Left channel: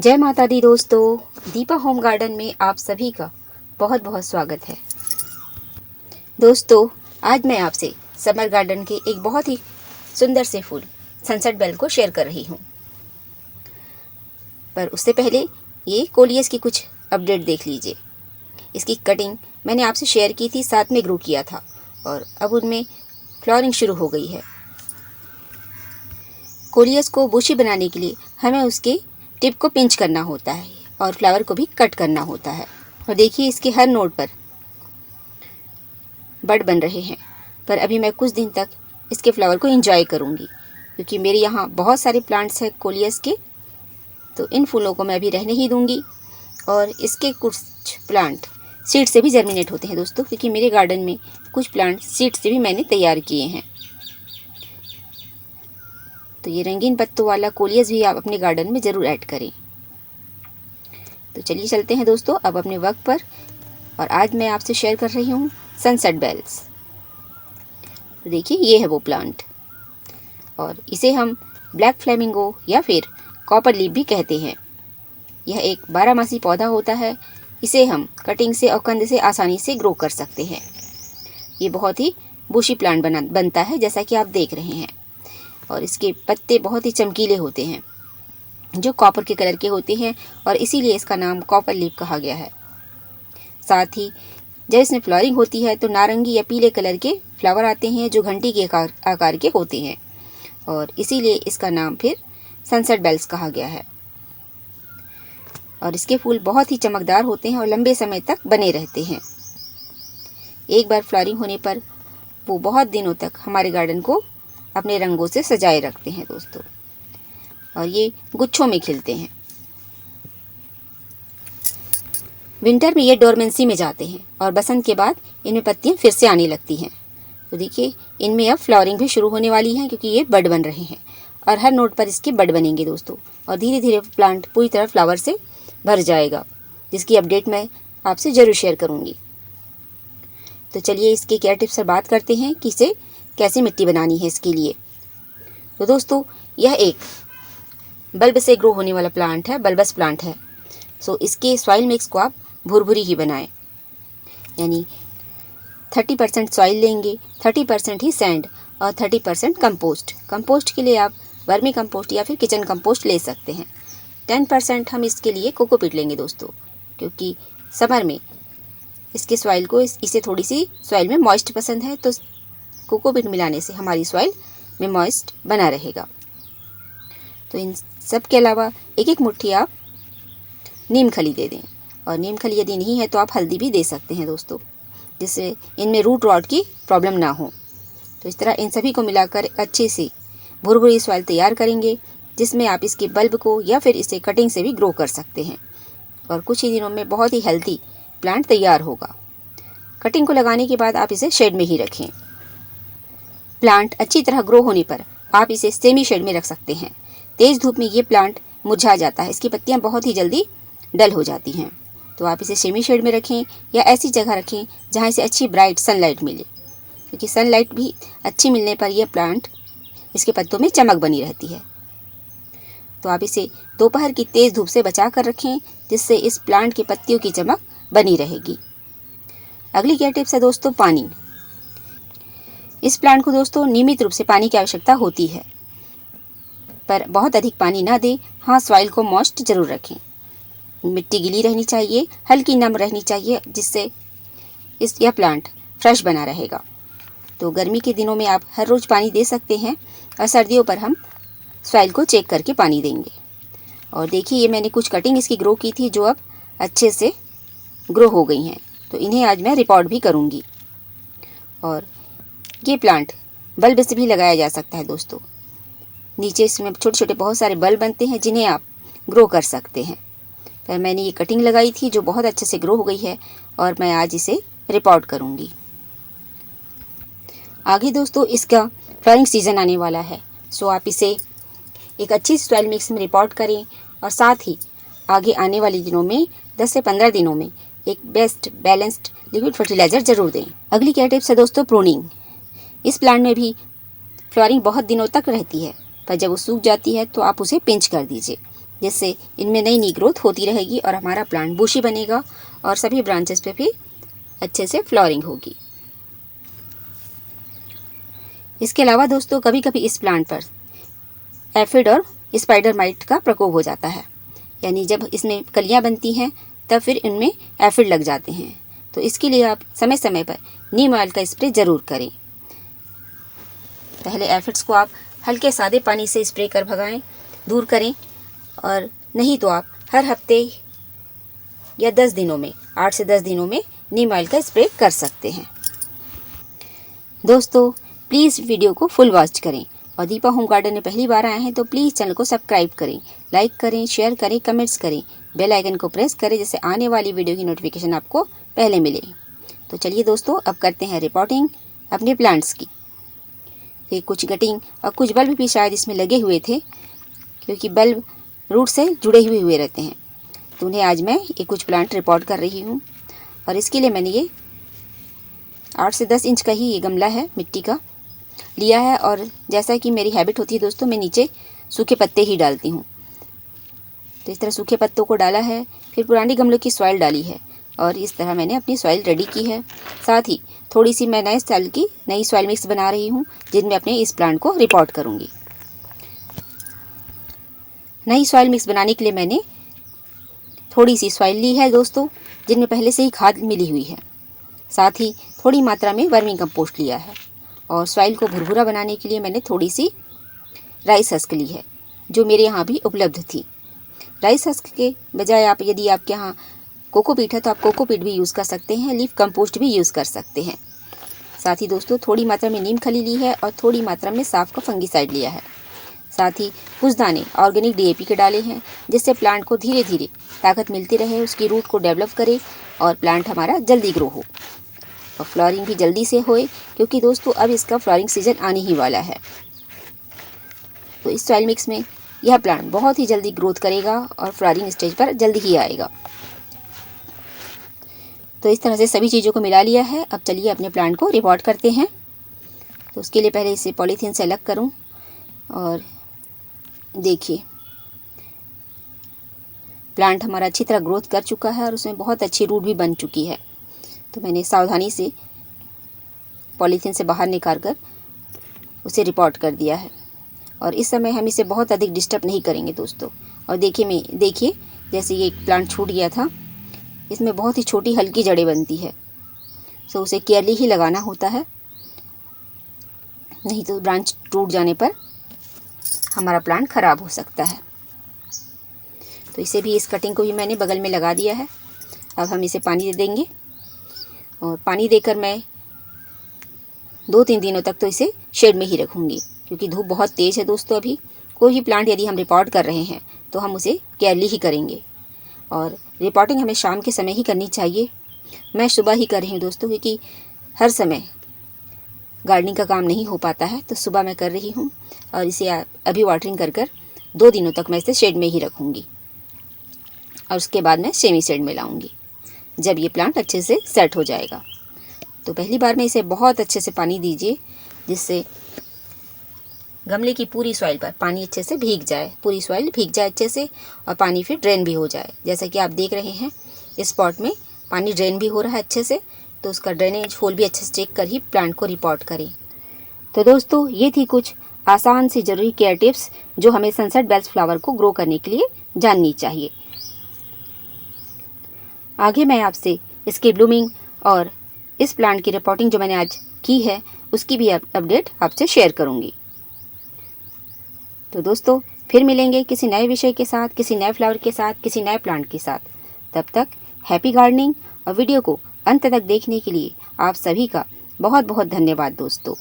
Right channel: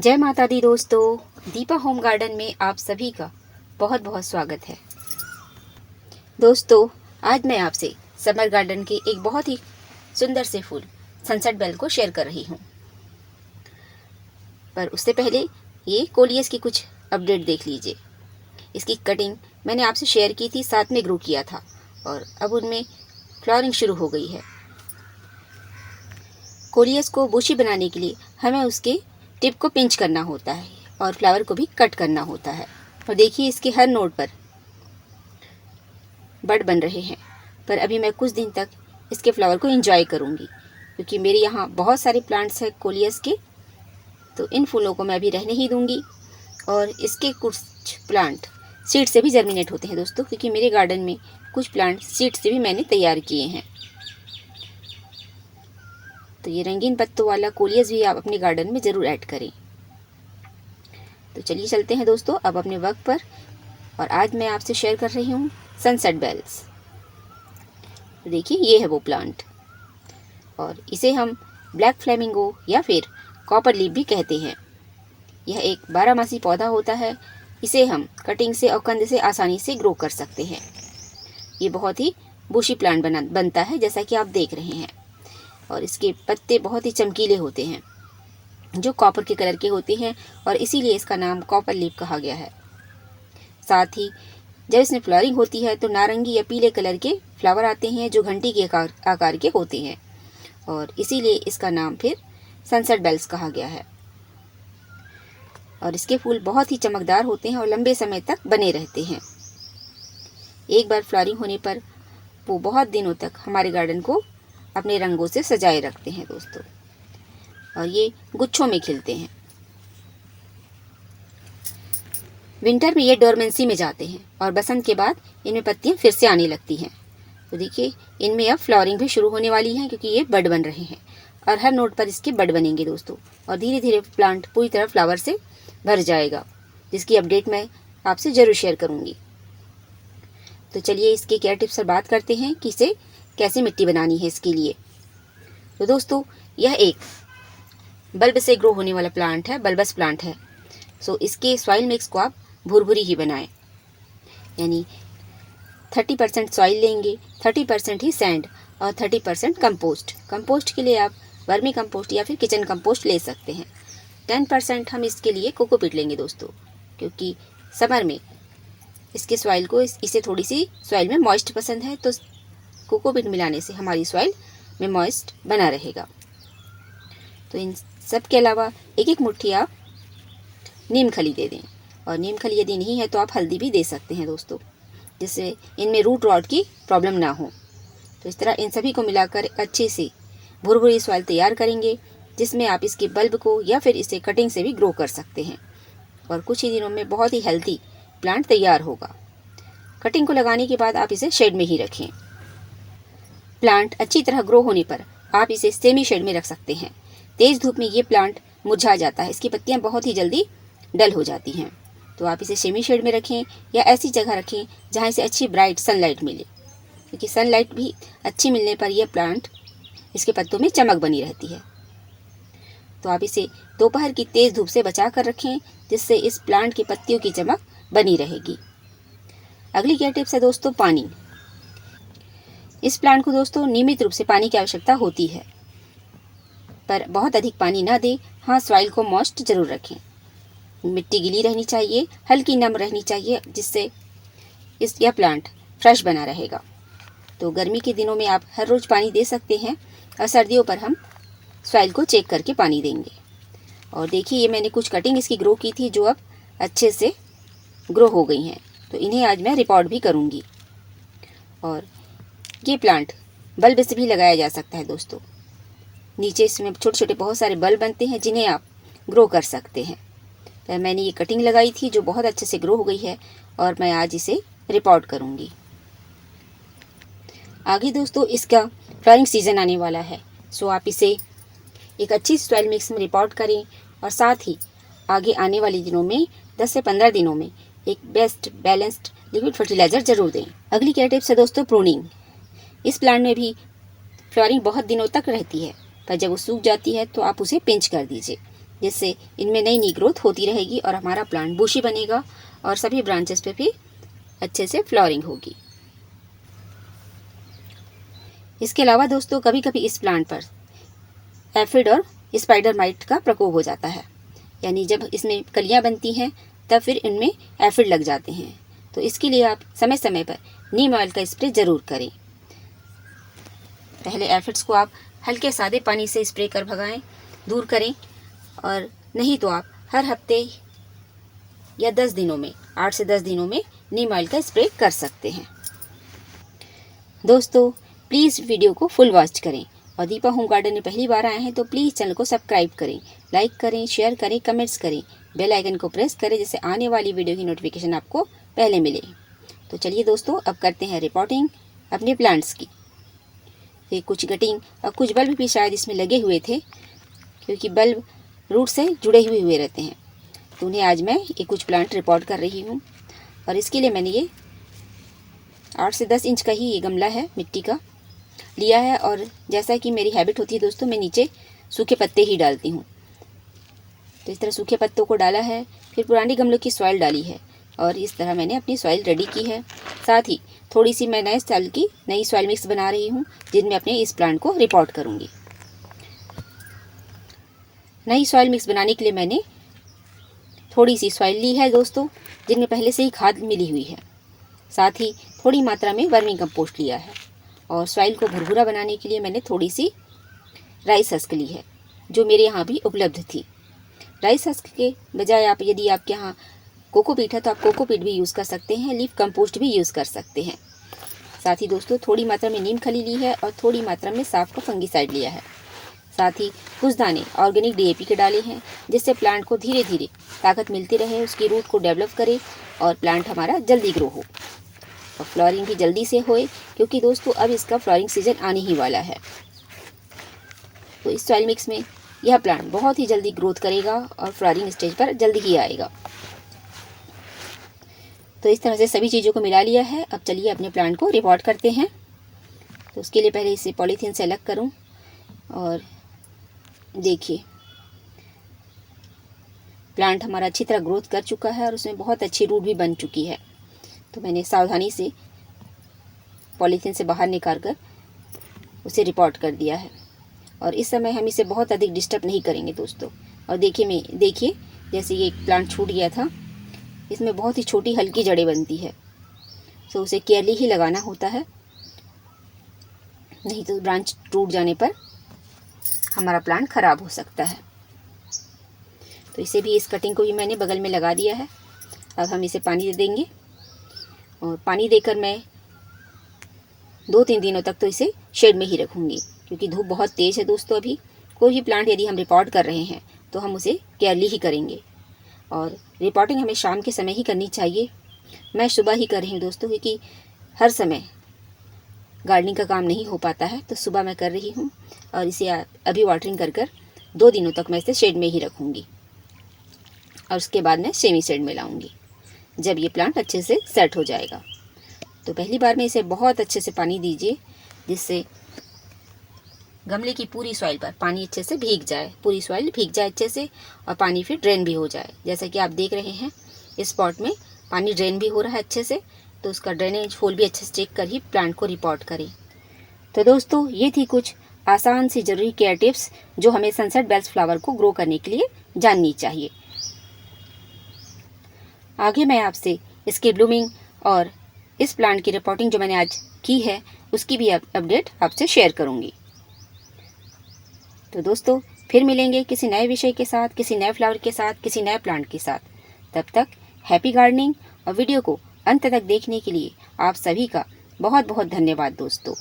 जय माता दी दोस्तों, दीपा होम गार्डन में आप सभी का बहुत बहुत स्वागत है। दोस्तों, आज मैं आपसे समर गार्डन के एक बहुत ही सुंदर से फूल सनसेट बेल को शेयर कर रही हूँ। पर उससे पहले ये कोलियस की कुछ अपडेट देख लीजिए। इसकी कटिंग मैंने आपसे शेयर की थी, साथ में ग्रो किया था और अब उनमें फ्लावरिंग शुरू हो गई है। कोलियस को बुशी बनाने के लिए हमें उसके टिप को पिंच करना होता है और फ्लावर को भी कट करना होता है। और देखिए, इसके हर नोड पर बड बन रहे हैं। पर अभी मैं कुछ दिन तक इसके फ्लावर को एंजॉय करूंगी, क्योंकि मेरे यहाँ बहुत सारे प्लांट्स हैं कोलियस के, तो इन फूलों को मैं अभी रहने ही दूंगी। और इसके कुछ प्लांट सीड से भी जर्मिनेट होते हैं दोस्तों, क्योंकि मेरे गार्डन में कुछ प्लांट सीड से भी मैंने तैयार किए हैं। तो ये रंगीन पत्तों वाला कोलियस भी आप अपने गार्डन में ज़रूर ऐड करें। तो चलिए चलते हैं दोस्तों अब अपने वक्त पर। और आज मैं आपसे शेयर कर रही हूँ सनसेट बेल्स। तो देखिए, ये है वो प्लांट और इसे हम ब्लैक फ्लेमिंगो या फिर कॉपर लीफ भी कहते हैं। यह एक 12 मासी पौधा होता है। इसे हम कटिंग से और कंद से आसानी से ग्रो कर सकते हैं। ये बहुत ही बुशी प्लांट बनता है, जैसा कि आप देख रहे हैं। और इसके पत्ते बहुत ही चमकीले होते हैं, जो कॉपर के कलर के होते हैं, और इसीलिए इसका नाम कॉपर लीफ कहा गया है। साथ ही जब इसमें फ्लावरिंग होती है तो नारंगी या पीले कलर के फ्लावर आते हैं, जो घंटी के आकार के होते हैं, और इसीलिए इसका नाम फिर सनसेट बेल्स कहा गया है। और इसके फूल बहुत ही चमकदार होते हैं और लंबे समय तक बने रहते हैं। एक बार फ्लावरिंग होने पर वो बहुत दिनों तक हमारे गार्डन को अपने रंगों से सजाए रखते हैं दोस्तों। और ये गुच्छों में खिलते हैं। विंटर में ये डोरमेंसी में जाते हैं और बसंत के बाद इनमें पत्तियां फिर से आने लगती हैं। तो देखिए, इनमें अब फ्लावरिंग भी शुरू होने वाली है, क्योंकि ये बड बन रहे हैं और हर नोड पर इसके बड बनेंगे दोस्तों। और धीरे धीरे प्लांट पूरी तरह फ्लावर से भर जाएगा, जिसकी अपडेट मैं आपसे ज़रूर शेयर करूँगी। तो चलिए इसके केयर टिप्स पर बात करते हैं कि इसे कैसे मिट्टी बनानी है इसके लिए। तो दोस्तों, यह एक बल्ब से ग्रो होने वाला प्लांट है, बल्बस प्लांट है। सो इसके सॉइल मिक्स को आप भुरभुरी ही बनाएं, यानी 30% सॉइल लेंगे, 30% ही सैंड और 30% कंपोस्ट। कंपोस्ट के लिए आप वर्मी कंपोस्ट या फिर किचन कंपोस्ट ले सकते हैं। 10% हम इसके लिए कोकोपीट लेंगे दोस्तों, क्योंकि समर में इसके सॉइल को इसे थोड़ी सी सॉइल में मॉइस्ट पसंद है, तो कोकोपीट मिलाने से हमारी सॉइल में मॉइस्ट बना रहेगा। तो इन सब के अलावा एक एक मुट्ठी आप नीम खली दे दें, और नीम खली यदि नहीं है तो आप हल्दी भी दे सकते हैं दोस्तों, जिससे इनमें रूट रॉट की प्रॉब्लम ना हो। तो इस तरह इन सभी को मिलाकर अच्छे से भुरभुरी सॉइल तैयार करेंगे, जिसमें आप इसके बल्ब को या फिर इसे कटिंग से भी ग्रो कर सकते हैं। और कुछ ही दिनों में बहुत ही हेल्दी प्लांट तैयार होगा। कटिंग को लगाने के बाद आप इसे शेड में ही रखें। प्लांट अच्छी तरह ग्रो होने पर आप इसे सेमी शेड में रख सकते हैं। तेज़ धूप में ये प्लांट मुरझा जाता है, इसकी पत्तियां बहुत ही जल्दी डल हो जाती हैं। तो आप इसे सेमी शेड में रखें या ऐसी जगह रखें जहां इसे अच्छी ब्राइट सनलाइट मिले, क्योंकि सनलाइट भी अच्छी मिलने पर यह प्लांट, इसके पत्तों में चमक बनी रहती है। तो आप इसे दोपहर की तेज़ धूप से बचा कर रखें, जिससे इस प्लांट की पत्तियों की चमक बनी रहेगी। अगली केयर टिप्स है दोस्तों पानी। इस प्लांट को दोस्तों नियमित रूप से पानी की आवश्यकता होती है, पर बहुत अधिक पानी ना दें। हाँ, सॉइल को मॉइस्ट जरूर रखें। मिट्टी गीली रहनी चाहिए, हल्की नम रहनी चाहिए, जिससे यह प्लांट फ्रेश बना रहेगा। तो गर्मी के दिनों में आप हर रोज़ पानी दे सकते हैं, और सर्दियों पर हम सॉइल को चेक करके पानी देंगे। और देखिए, ये मैंने कुछ कटिंग इसकी ग्रो की थी, जो अब अच्छे से ग्रो हो गई हैं। तो इन्हें आज मैं रिपोर्ट भी करूँगी। और ये प्लांट बल्ब से भी लगाया जा सकता है दोस्तों। नीचे इसमें छोटे छोटे बहुत सारे बल्ब बनते हैं, जिन्हें आप ग्रो कर सकते हैं। पर मैंने ये कटिंग लगाई थी, जो बहुत अच्छे से ग्रो हो गई है, और मैं आज इसे रिपोर्ट करूँगी। आगे दोस्तों इसका फ्लावरिंग सीजन आने वाला है, सो आप इसे एक अच्छी सॉइल मिक्स में रिपोर्ट करें, और साथ ही आगे आने वाले दिनों में 10 से 15 दिनों में एक बेस्ट बैलेंस्ड लिक्विड फर्टिलाइजर जरूर दें। अगली केयर टिप्स है दोस्तों प्रूनिंग। इस प्लांट में भी फ्लावरिंग बहुत दिनों तक रहती है, पर जब वो सूख जाती है तो आप उसे पिंच कर दीजिए, जिससे इनमें नई नई ग्रोथ होती रहेगी और हमारा प्लांट बुशी बनेगा और सभी ब्रांचेस पे भी अच्छे से फ्लावरिंग होगी। इसके अलावा दोस्तों कभी कभी इस प्लांट पर एफिड और स्पाइडर माइट का प्रकोप हो जाता है, यानी जब इसमें कलियां बनती हैं तब फिर इनमें एफिड लग जाते हैं। तो इसके लिए आप समय समय पर नीम ऑयल का स्प्रे ज़रूर करें। पहले एफिड्स को आप हल्के सादे पानी से स्प्रे कर भगाएं, दूर करें, और नहीं तो आप हर हफ्ते या 10 दिनों में 8 से 10 दिनों में नीम ऑयल का स्प्रे कर सकते हैं। दोस्तों प्लीज़ वीडियो को फुल वॉच करें और दीपा होम गार्डन में पहली बार आए हैं तो प्लीज़ चैनल को सब्सक्राइब करें, लाइक करें, शेयर करें, कमेंट्स करें, बेल आइकन को प्रेस करें जिससे आने वाली वीडियो की नोटिफिकेशन आपको पहले मिले। तो चलिए दोस्तों अब करते हैं रिपोर्टिंग अपने प्लांट्स की। ये कुछ कटिंग और कुछ बल्ब भी शायद इसमें लगे हुए थे, क्योंकि बल्ब रूट से जुड़े हुए रहते हैं। तो उन्हें आज मैं ये कुछ प्लांट रिपोर्ट कर रही हूँ। और इसके लिए मैंने ये 8 से 10 इंच का ही ये गमला है मिट्टी का लिया है। और जैसा कि मेरी हैबिट होती है दोस्तों, मैं नीचे सूखे पत्ते ही डालती हूँ। तो इस तरह सूखे पत्तों को डाला है, फिर पुरानी गमलों की सॉइल डाली है और इस तरह मैंने अपनी सॉइल रेडी की है। साथ ही थोड़ी सी मैं नए स्टाइल की नई सॉइल मिक्स बना रही हूँ जिनमें अपने इस प्लांट को रिपोर्ट करूँगी। नई सॉइल मिक्स बनाने के लिए मैंने थोड़ी सी सॉइल ली है दोस्तों, जिनमें पहले से ही खाद मिली हुई है। साथ ही थोड़ी मात्रा में वर्मी कंपोस्ट लिया है और सॉइल को भुरभुरा बनाने के लिए मैंने थोड़ी सी राइस हस्क ली है, जो मेरे यहाँ भी उपलब्ध थी। राइस हस्क के बजाय आप यदि आपके यहाँ कोकोपीट है तो आप कोकोपीट भी यूज़ कर सकते हैं, लीफ कंपोस्ट भी यूज़ कर सकते हैं। साथ ही दोस्तों थोड़ी मात्रा में नीम खली ली है और थोड़ी मात्रा में साफ का फंगीसाइड लिया है। साथ ही कुछ दाने ऑर्गेनिक डीएपी के डाले हैं, जिससे प्लांट को धीरे धीरे ताकत मिलती रहे, उसकी रूट को डेवलप करे और प्लांट हमारा जल्दी ग्रो हो और फ्लावरिंग भी जल्दी से होए, क्योंकि दोस्तों अब इसका फ्लावरिंग सीजन आने ही वाला है। तो इस सॉइल मिक्स में यह प्लांट बहुत ही जल्दी ग्रोथ करेगा और फ्लावरिंग स्टेज पर जल्दी ही आएगा। तो इस तरह से सभी चीज़ों को मिला लिया है। अब चलिए अपने प्लांट को रिपोर्ट करते हैं। तो उसके लिए पहले इसे पॉलीथीन से अलग करूं और देखिए प्लांट हमारा अच्छी तरह ग्रोथ कर चुका है और उसमें बहुत अच्छी रूट भी बन चुकी है। तो मैंने सावधानी से पॉलीथीन से बाहर निकाल कर उसे रिपोर्ट कर दिया है और इस समय हम इसे बहुत अधिक डिस्टर्ब नहीं करेंगे दोस्तों। और देखिए जैसे ये प्लांट छूट गया था, इसमें बहुत ही छोटी हल्की जड़ें बनती है, तो उसे केयरली ही लगाना होता है, नहीं तो ब्रांच टूट जाने पर हमारा प्लांट ख़राब हो सकता है। तो इसे भी, इस कटिंग को भी मैंने बगल में लगा दिया है। अब हम इसे पानी दे देंगे और पानी देकर मैं 2-3 दिनों तक तो इसे शेड में ही रखूँगी, क्योंकि धूप बहुत तेज़ है दोस्तों। अभी कोई भी प्लांट यदि हम रिपोर्ट कर रहे हैं तो हम उसे केयरली ही करेंगे और रिपोर्टिंग हमें शाम के समय ही करनी चाहिए। मैं सुबह ही कर रही हूँ दोस्तों, क्योंकि हर समय गार्डनिंग का काम नहीं हो पाता है, तो सुबह मैं कर रही हूँ और इसे अभी वाटरिंग कर 2 दिनों तक मैं इसे शेड में ही रखूँगी और उसके बाद मैं सेमी शेड में लाऊँगी जब ये प्लांट अच्छे से सेट हो जाएगा। तो पहली बार में इसे बहुत अच्छे से पानी दीजिए, जिससे गमले की पूरी सॉइल पर पानी अच्छे से भीग जाए, पूरी सॉइल भीग जाए अच्छे से और पानी फिर ड्रेन भी हो जाए। जैसा कि आप देख रहे हैं इस पॉट में पानी ड्रेन भी हो रहा है अच्छे से, तो उसका ड्रेनेज होल भी अच्छे से चेक कर ही प्लांट को रिपोर्ट करें। तो दोस्तों ये थी कुछ आसान सी ज़रूरी केयर टिप्स जो हमें सनसेट बेल्स फ्लावर को ग्रो करने के लिए जाननी चाहिए। आगे मैं आपसे इसकी ब्लूमिंग और इस प्लांट की रिपोर्टिंग जो मैंने आज की है उसकी भी अपडेट आपसे शेयर करूँगी। तो दोस्तों फिर मिलेंगे किसी नए विषय के साथ, किसी नए फ्लावर के साथ, किसी नए प्लांट के साथ। तब तक हैप्पी गार्डनिंग। और वीडियो को अंत तक देखने के लिए आप सभी का बहुत बहुत धन्यवाद दोस्तों।